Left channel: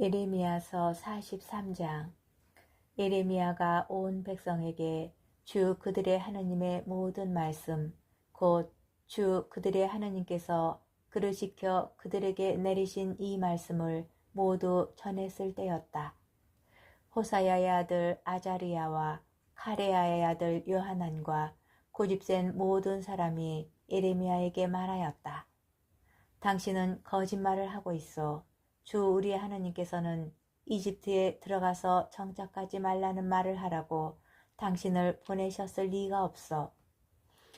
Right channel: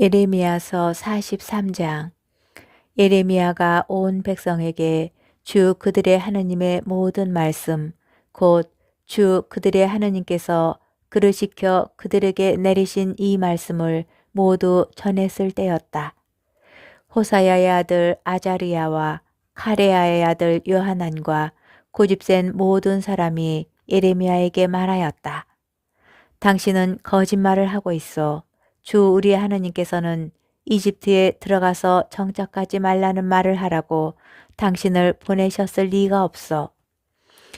예레미야서 43장. 예레미야가 온 백성에게 주 그들의 하느님의 모든 말씀 곧 주 그들의 하느님께서 그르시켜 그들에게 내리신 이 말씀을 모두 전했을 때였다. 호사야의 아들 아자리야와 카레야의 아들 요하난과 고집센 모든 사람이 예레미야에게 말하였다. 당신은 거짓말을 하고 있어. 주 우리 하느님께서는 이집트에 들어가서 정착하지 말라는 말을 하라고 당신을 보내셨을 리가 없어.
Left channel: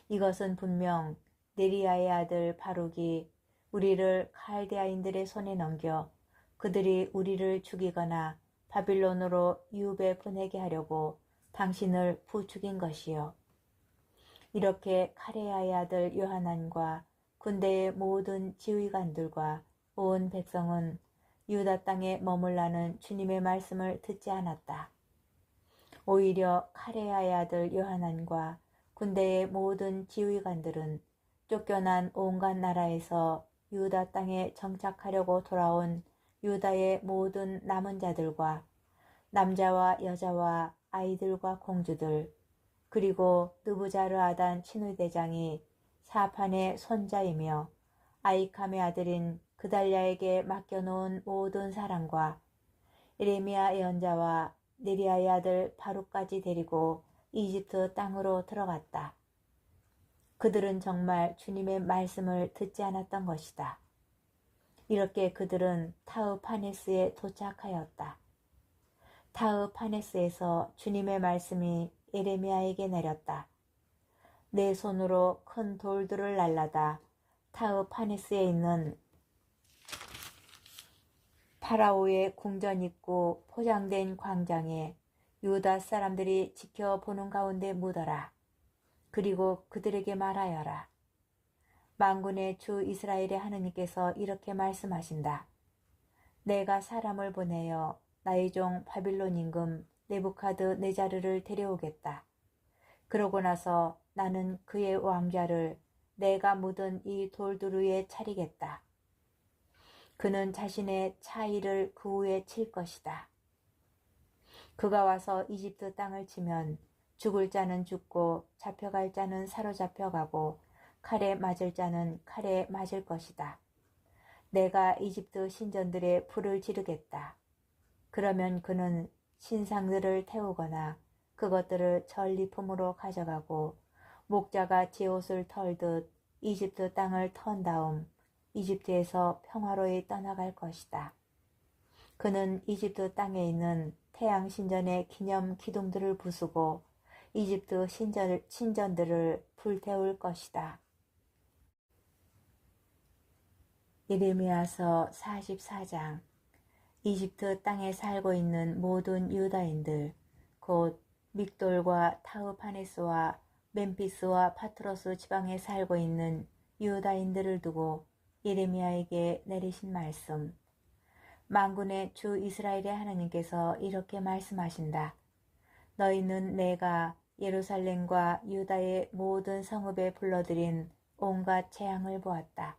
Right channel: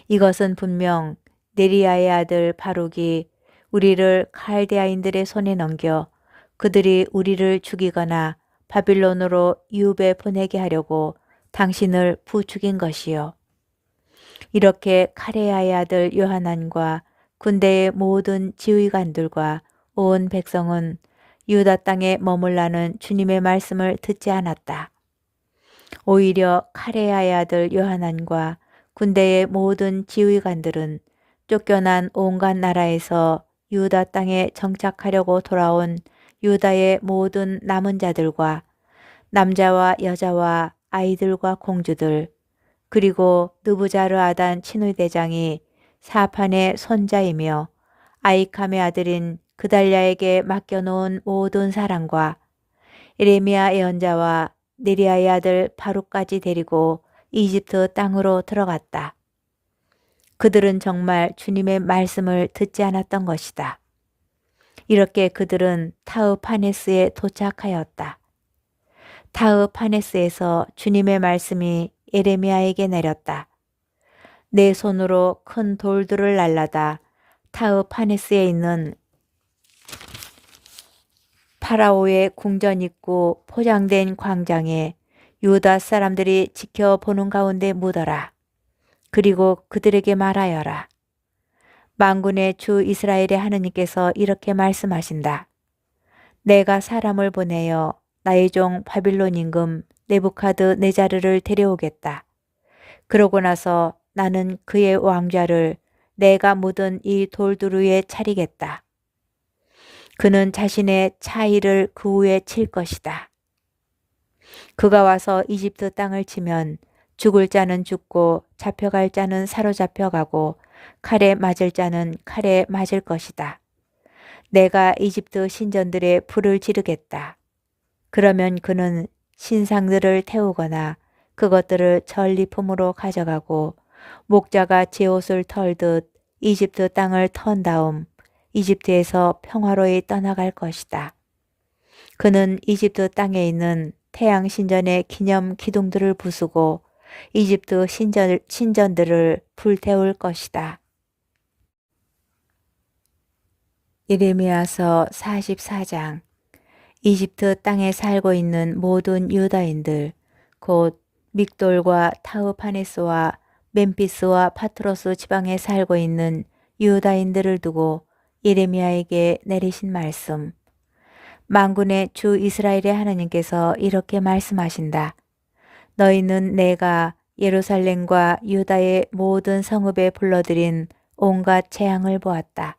이것은 분명 네리야의 아들 바룩이 우리를 칼데아인들의 손에 넘겨 그들이 우리를 죽이거나 바빌론으로 유배 보내게 하려고 당신을 부추긴 것이요. 이렇게 카레야의 아들 요하난과 군대의 모든 지휘관들과 온 백성은 유다 땅에 머물라는 주님의 말씀을 듣지 않았다. 오히려 카레야의 아들 요하난과 군대의 모든 지휘관들은 쫓겨난 온갖 나라에서 유다 땅에 정착하려고 돌아온 유다의 모든 남은 자들과 남자와 여자와 아이들과 공주들 그리고 느부자르아단 친위대장이 사판의 손자이며 아이캄의 아들인 그달랴에게 맡겨놓은 모든 사람과 예레미야 예언자와 네리야의 아들 바룩까지 데리고 이집트 땅으로 들어갔다. 그들은 정말 주님의 말씀을 듣지 않았던 것이다. 이렇게 그들은 타흐파네스에 도착하였다. 타흐파네스에서 주님의 말씀이 예레미야에게 내렸다. 내 손으로 큰 돌들을 날라다 타흐파네스에 있는 파라오의 궁전 있고 포장된 광장에 유다 사람들이 지켜보는 가운데 묻어라. 그리고 그들에게 말하여라. 만군의 주 이스라엘의 하느님께서 이렇게 말씀하신다. 내가 사람을 보내어 나의 종 바빌론 임금 네부카드네자르를 데려오겠다. 그러고 나서 나는 그의 왕좌를 내가 묻은 이 돌들 위에 차리겠다. 그는 자신의 차의를 그 위에 칠 것이다. 그가 와서 이집트 땅을 치면 죽을 자는 죽고 잡혀갈 자는 사로잡혀가고 칼에 맞을 자는 칼에 맞을 것이다. 내가 이집트 신전들의 불을 지르겠다. 그러면 그는 신상들을 태우거나 그것들을 전리품으로 가져가고 목자가 제 옷을 털듯 이집트 땅을 턴 다음 이집트에서 평화로이 떠나갈 것이다. 그는 이집트 땅에 있는 태양 신전의 기념 기둥들을 부수고 이집트 신전들을 불태울 것이다. 예레미야서 44장. 이집트 땅에 살고 있는 모든 유다인들 곧 믹돌과 타흐파네스와 멤피스와 파트로스 지방에 살고 있는 유다인들을 두고 예레미야에게 내리신 말씀. 만군의 주 이스라엘의 하나님께서 이렇게 말씀하신다. 너희는 내가 예루살렘과 유다의 모든 성읍에 불러들인 온갖 재앙을 보았다.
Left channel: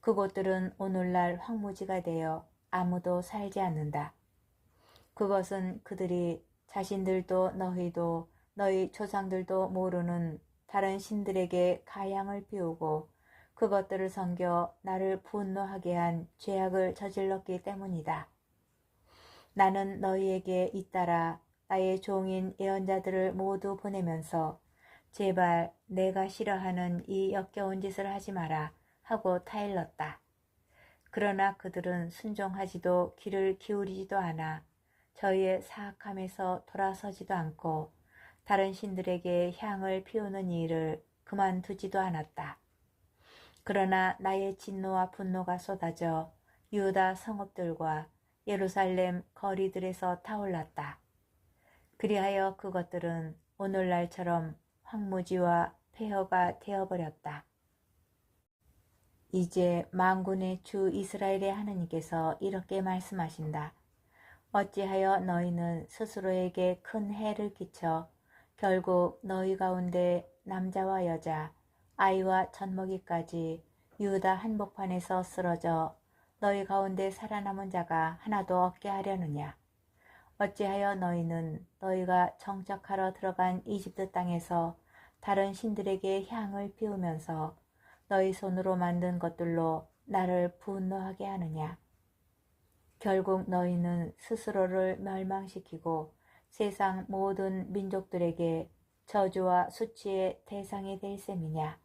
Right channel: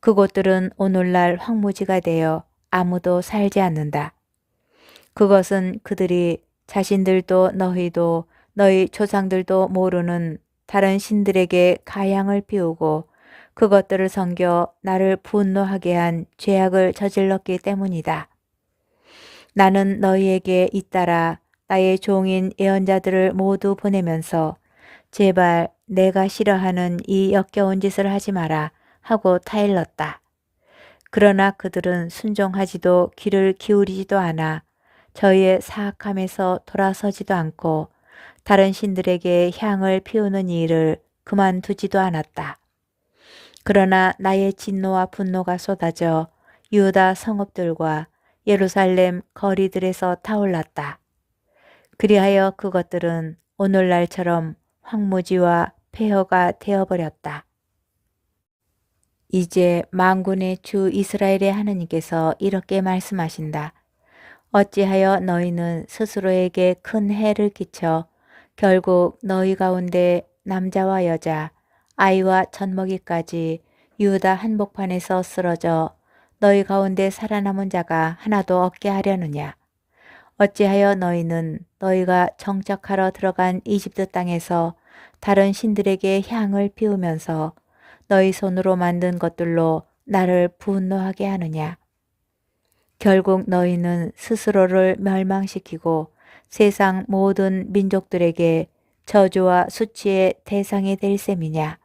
그곳들은 오늘날 황무지가 되어 아무도 살지 않는다. 그것은 그들이 자신들도 너희도 너희 조상들도 모르는 다른 신들에게 가양을 피우고 그것들을 섬겨 나를 분노하게 한 죄악을 저질렀기 때문이다. 나는 너희에게 잇따라 나의 종인 예언자들을 모두 보내면서 제발 내가 싫어하는 이 역겨운 짓을 하지 마라 하고 타일렀다. 그러나 그들은 순종하지도 귀를 기울이지도 않아 저희의 사악함에서 돌아서지도 않고 다른 신들에게 향을 피우는 일을 그만두지도 않았다. 그러나 나의 진노와 분노가 쏟아져 유다 성읍들과 예루살렘 거리들에서 타올랐다. 그리하여 그것들은 오늘날처럼 황무지와 폐허가 되어버렸다. 이제 만군의 주 이스라엘의 하느님께서 이렇게 말씀하신다. 어찌하여 너희는 스스로에게 큰 해를 끼쳐 결국 너희 가운데 남자와 여자, 아이와 젖먹이까지 유다 한복판에서 쓰러져 너희 가운데 살아남은 자가 하나도 없게 하려느냐? 어찌하여 너희는 너희가 정착하러 들어간 이집트 땅에서 다른 신들에게 향을 피우면서 너희 손으로 만든 것들로 나를 분노하게 하느냐? 결국 너희는 스스로를 멸망시키고 세상 모든 민족들에게 저주와 수치의 대상이 될 셈이냐?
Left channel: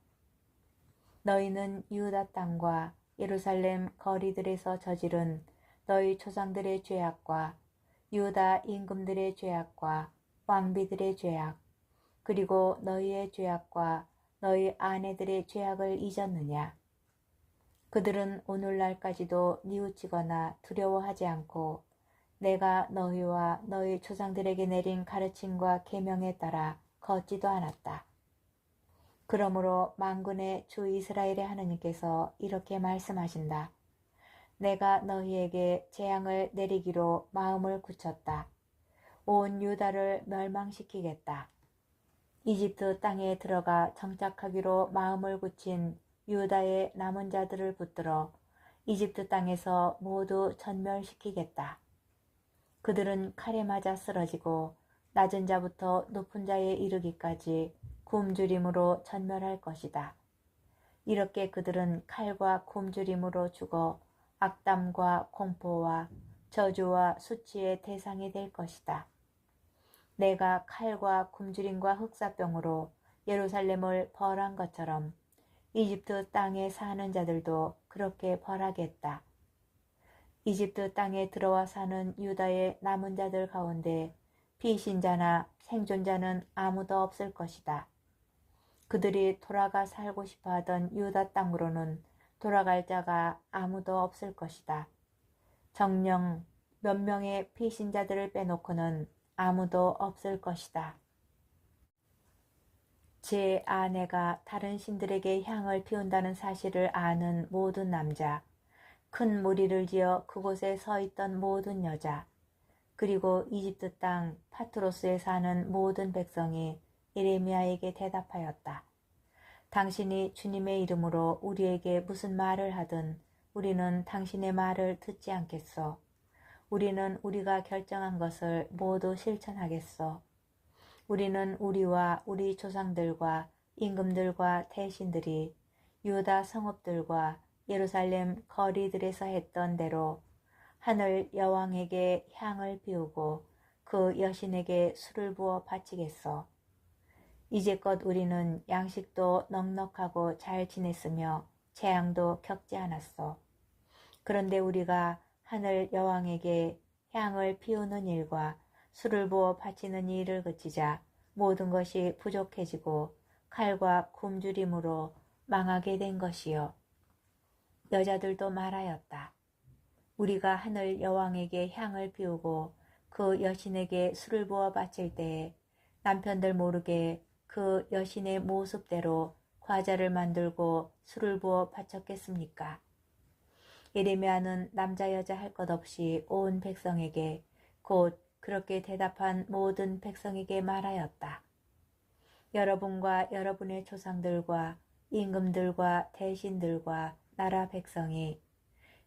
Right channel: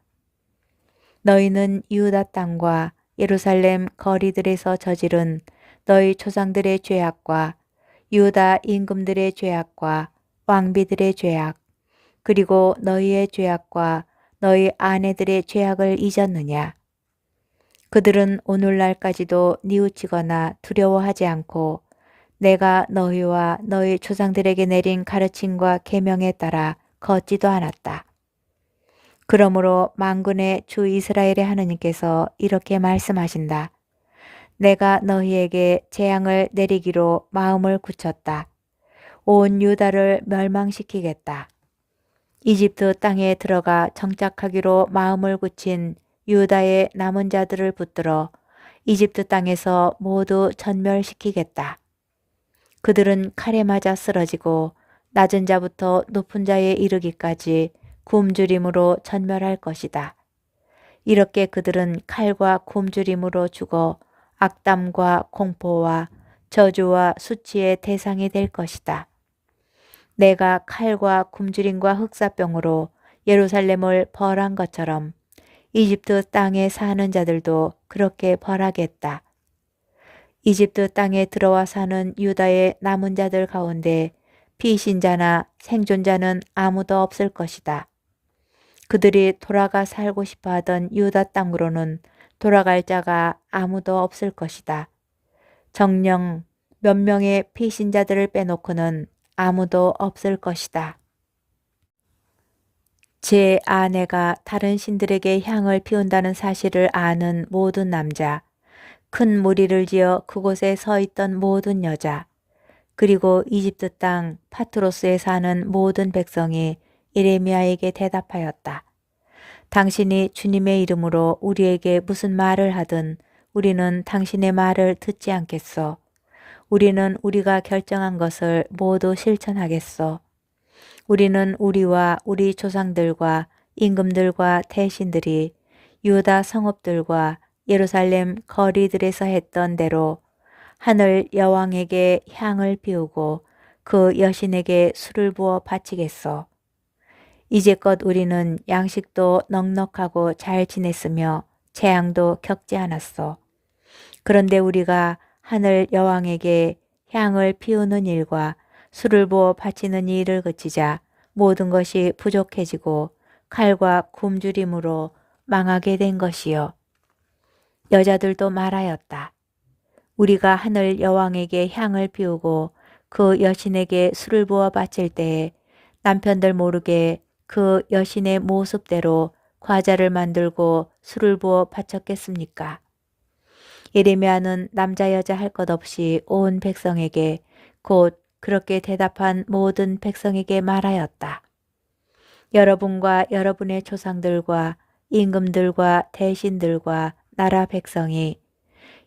너희는 유다 땅과 예루살렘 거리들에서 저지른 너희 조상들의 죄악과 유다 임금들의 죄악과 왕비들의 죄악, 그리고 너희의 죄악과 너희 아내들의 죄악을 잊었느냐? 그들은 오늘날까지도 뉘우치거나 두려워하지 않고 내가 너희와 너희 조상들에게 내린 가르침과 계명에 따라 걷지도 않았다. 그러므로 만군의 주 이스라엘의 하느님께서 이렇게 말씀하신다. 내가 너희에게 재앙을 내리기로 마음을 굳혔다. 온 유다를 멸망시키겠다. 이집트 땅에 들어가 정착하기로 마음을 굳힌 유다의 남은 자들을 붙들어 이집트 땅에서 모두 전멸시키겠다. 그들은 칼에 맞아 쓰러지고 낮은 자부터 높은 자에 이르기까지 굶주림으로 전멸할 것이다. 이렇게 그들은 칼과 굶주림으로 죽어 악담과 공포와 저주와 수치의 대상이 될 것이다. 내가 칼과 굶주림과 흑사병으로 예루살렘을 벌한 것처럼 이집트 땅에 사는 자들도 그렇게 벌하겠다. 이집트 땅에 들어와 사는 유다의 남은 자들 가운데 피신자나 생존자는 아무도 없을 것이다. 그들이 돌아가 살고 싶어 하던 유다 땅으로는 돌아갈 자가 아무도 없을 것이다. 정녕 몇 명의 피신자들을 빼놓고는 아무도 없을 것이다. 제 아내가 다른 신들에게 향을 피운다는 사실을 아는 모든 남자, 큰 무리를 지어 그곳에 서 있던 모든 여자, 그리고 이집트 땅 파트로스에 사는 모든 백성이 예레미야에게 대답하였다. 당신이 주님의 이름으로 우리에게 무슨 말을 하든 우리는 당신의 말을 듣지 않겠소. 우리는 우리가 결정한 것을 모두 실천하겠소. 우리는 우리와 우리 조상들과 임금들과 대신들이 유다 성읍들과 예루살렘 거리들에서 했던 대로 하늘 여왕에게 향을 피우고 그 여신에게 술을 부어 바치겠소. 이제껏 우리는 양식도 넉넉하고 잘 지냈으며 재앙도 겪지 않았소. 그런데 우리가 하늘 여왕에게 향을 피우는 일과 술을 부어 바치는 일을 그치자 모든 것이 부족해지고 칼과 굶주림으로 망하게 된 것이요. 여자들도 말하였다. 우리가 하늘 여왕에게 향을 피우고 그 여신에게 술을 부어 바칠 때에 남편들 모르게 그 여신의 모습대로 과자를 만들고 술을 부어 바쳤겠습니까? 예레미야는 남자 여자 할 것 없이 온 백성에게 곧 그렇게 대답한 모든 백성에게 말하였다. 여러분과 여러분의 조상들과 임금들과 대신들과 나라 백성이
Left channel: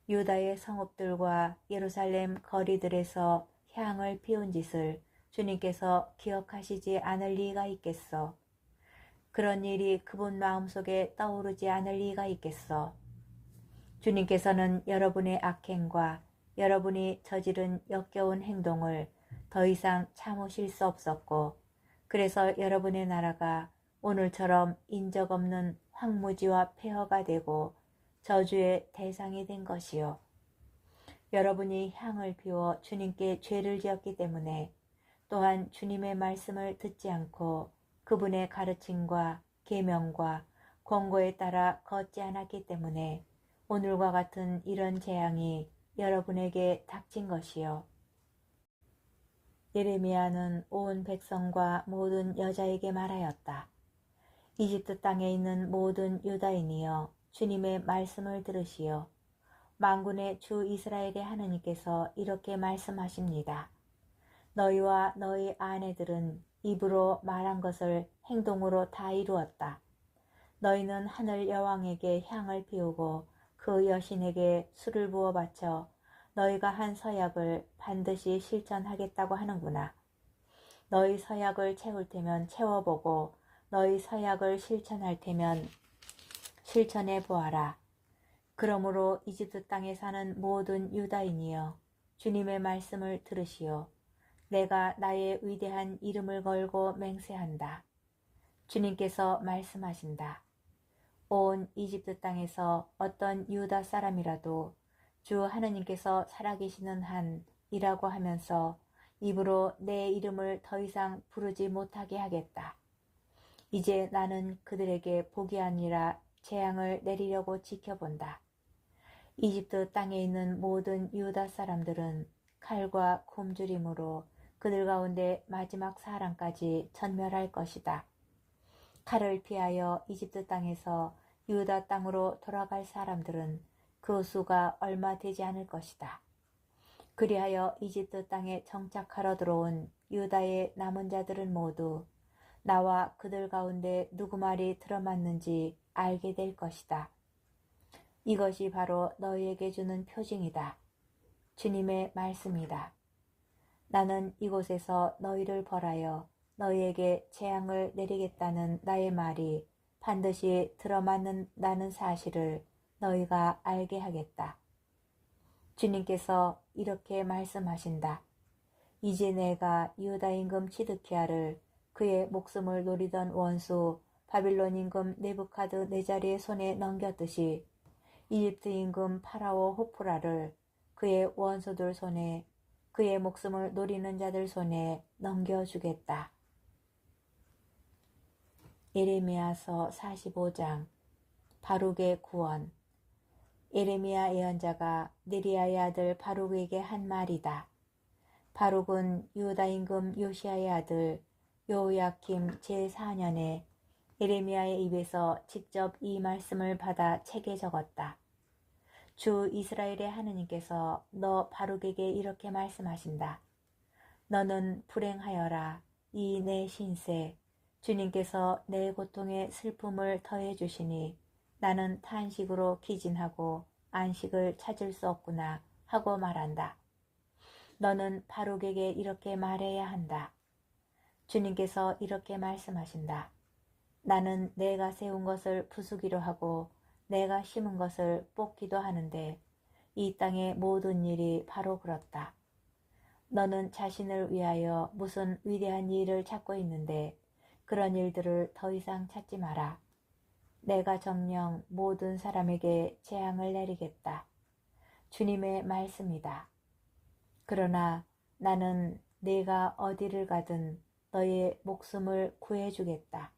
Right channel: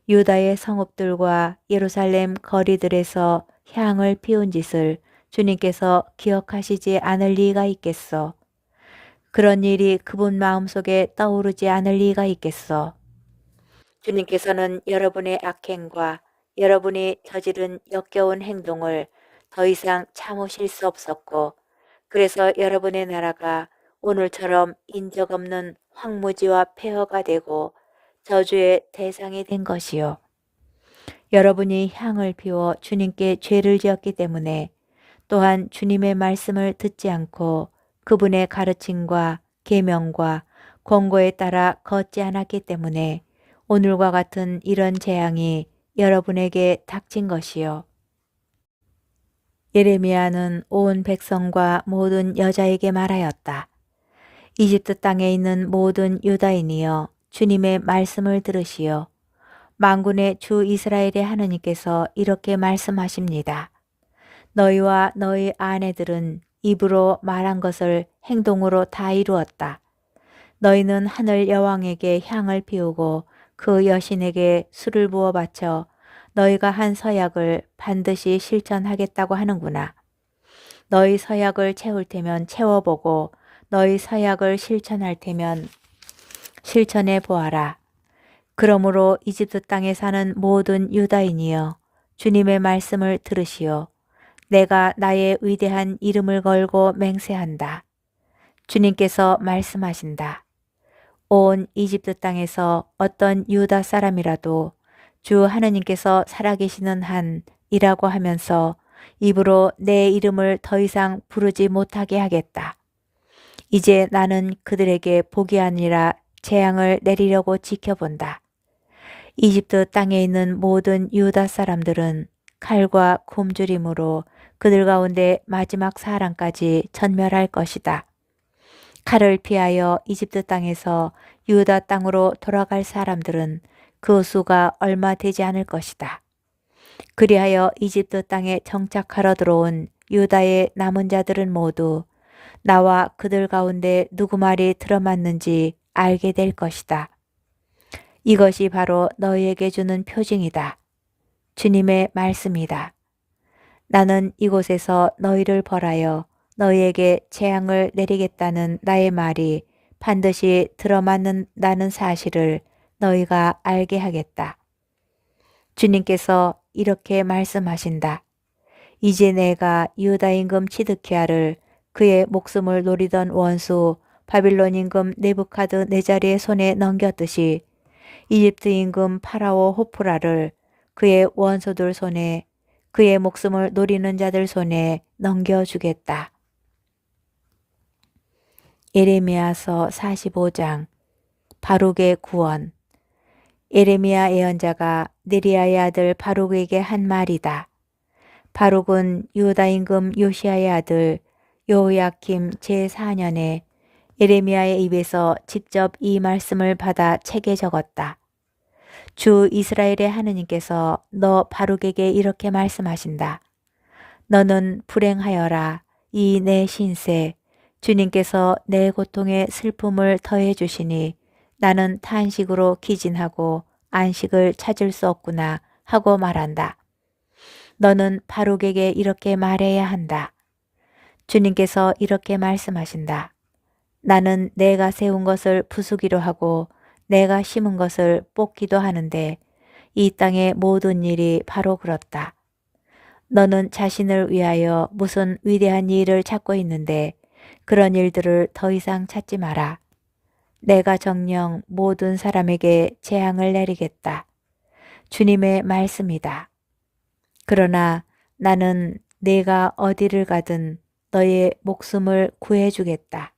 유다의 성읍들과 예루살렘 거리들에서 향을 피운 짓을 주님께서 기억하시지 않을 리가 있겠소. 그런 일이 그분 마음속에 떠오르지 않을 리가 있겠소. 주님께서는 여러분의 악행과 여러분이 저지른 역겨운 행동을 더 이상 참으실 수 없었고, 그래서 여러분의 나라가 오늘처럼 인적 없는 황무지와 폐허가 되고 저주의 대상이 된 것이요. 여러분이 향을 피워 주님께 죄를 지었기 때문에, 또한 주님의 말씀을 듣지 않고 그분의 가르침과 계명과 권고에 따라 걷지 않았기 때문에 오늘과 같은 이런 재앙이 여러분에게 닥친 것이요. 예레미야는 온 백성과 모든 여자에게 말하였다. 이집트 땅에 있는 모든 유다인이여, 주님의 말씀을 들으시오. 만군의 주 이스라엘의 하느님께서 이렇게 말씀하십니다. 너희와 너희 아내들은 입으로 말한 것을 행동으로 다 이루었다. 너희는 하늘 여왕에게 향을 피우고 그 여신에게 술을 부어 바쳐 너희가 한 서약을 반드시 실천하겠다고 하는구나. 너희 서약을 채울 테면 채워보고 너희 서약을 실천할 테면 실천해 보아라. 그러므로 이집트 땅에 사는 모든 유다인이여 주님의 말씀을 들으시오. 내가 나의 위대한 이름을 걸고 맹세한다. 주님께서 말씀하신다. 온 이집트 땅에서 어떤 유다 사람이라도 주 하느님께서 살아계시는 한이라고 하면서 입으로 내 이름을 더 이상 부르지 못하게 하겠다. 이제 나는 그들에게 복이 아니라 재앙을 내리려고 지켜본다. 이집트 땅에 있는 모든 유다 사람들은 칼과 굶주림으로 그들 가운데 마지막 사람까지 전멸할 것이다. 칼을 피하여 이집트 땅에서 유다 땅으로 돌아갈 사람들은 그 수가 얼마 되지 않을 것이다. 그리하여 이집트 땅에 정착하러 들어온 유다의 남은 자들은 모두 나와 그들 가운데 누구 말이 들어맞는지 알게 될 것이다. 이것이 바로 너희에게 주는 표징이다. 주님의 말씀이다. 나는 이곳에서 너희를 벌하여 너희에게 재앙을 내리겠다는 나의 말이 반드시 들어맞는다는 사실을 너희가 알게 하겠다. 주님께서 이렇게 말씀하신다. 이제 내가 유다 임금 치드키야를 그의 목숨을 노리던 원수 바빌론 임금 네부카드네자르의 손에 넘겼듯이 이집트 임금 파라오 호프라를 그의 원수들 손에 그의 목숨을 노리는 자들 손에 넘겨주겠다. 예레미야서 45장 바룩의 구원. 예레미야 예언자가 네리야의 아들 바룩에게 한 말이다. 바룩은 유다 임금 요시야의 아들 여호야킴 제4년에 예레미야의 입에서 직접 이 말씀을 받아 책에 적었다. 주 이스라엘의 하느님께서 너 바룩에게 이렇게 말씀하신다. 너는 불행하여라. 이 내 신세. 주님께서 내 고통에 슬픔을 더해 주시니 나는 탄식으로 기진하고 안식을 찾을 수 없구나 하고 말한다. 너는 바룩에게 이렇게 말해야 한다. 주님께서 이렇게 말씀하신다. 나는 내가 세운 것을 부수기로 하고 내가 심은 것을 뽑기도 하는데 이 땅의 모든 일이 바로 그렇다. 너는 자신을 위하여 무슨 위대한 일을 찾고 있는데 그런 일들을 더 이상 찾지 마라. 내가 정녕 모든 사람에게 재앙을 내리겠다. 주님의 말씀이다. 그러나 나는 내가 어디를 가든 너의 목숨을 구해주겠다.